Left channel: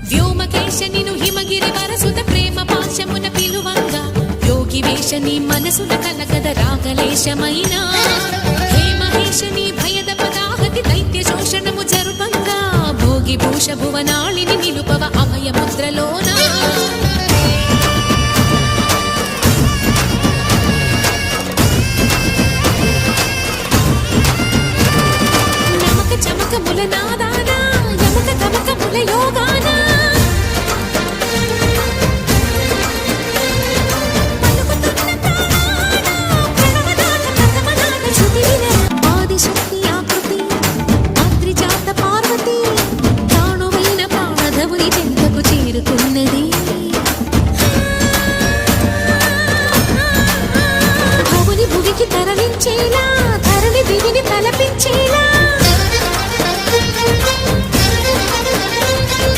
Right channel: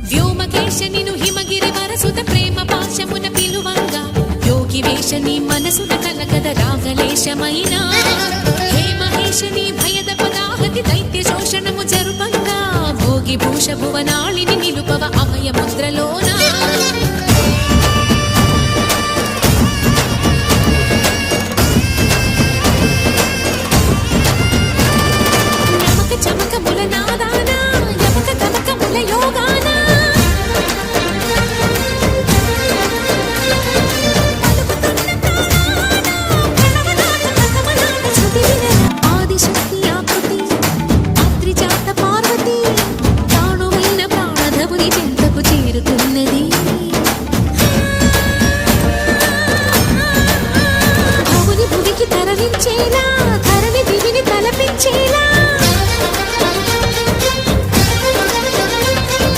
వ్యోమకేశ నిను హిమగిరి వరసుత ప్రేమ పాశమున పిలువంగా యోగి వేష నీ మనసున కలగద రాగలేశమైన హే మహేశ నీ భయద పదాహతి దైత్య శోషణము జరుపంగా భోగి భూష భువనాళిని నిలుపవ అభయ ముద్రలోనా నమక చమకముల నాదానా యమక గమకముల యోగానా ఆదిశక్తి ఆకృతి అత్రిజాత పార్వతి ప్రాణువైన ప్రాణధవుని చెంతకు చేరుకున్నది భవుని భువికి తరలించేలా ధరణి దివిని తలపించేలా